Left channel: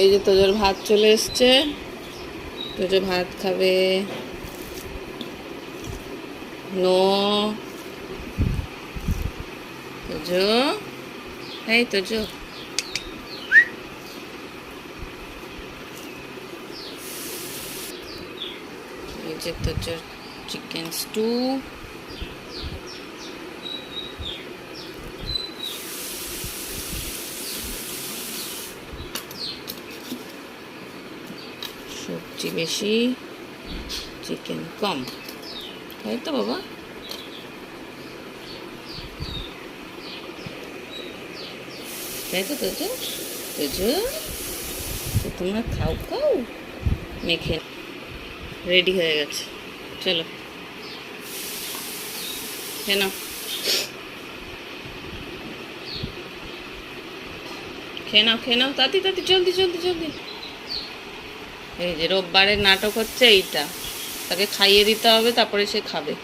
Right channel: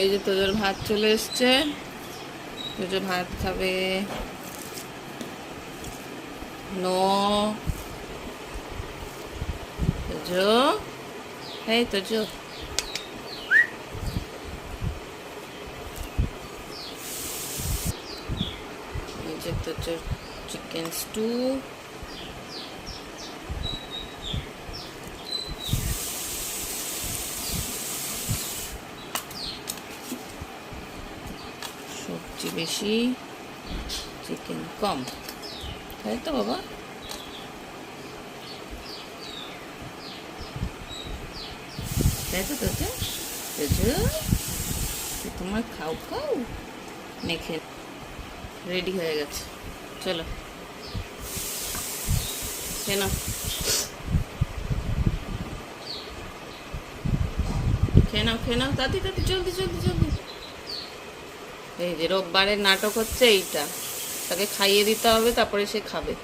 এই যে তোজোর ভাত চলে এসছে, তোজো ভাত খাবে। নো তোজো, এই তোজো, এই যে তোজোর চিকেন স্টু। সবজি বেশি, চিকেন কম, তাই তো বাবা? তাই তো তোজো? তোজো, তোমার খাও খাও, মেখে রেডি হয়ে গেছে। চলো খেয়ে নাও, খেয়ে নাও, খেয়ে নাও, তাড়াতাড়ি তাড়াতাড়ি, জলদি জলদি জলদি। এই যে রোববারের নাটক হচ্ছে এইটা, তাকে খাইয়ে দিতে হবে, তারপরে সে খাবে।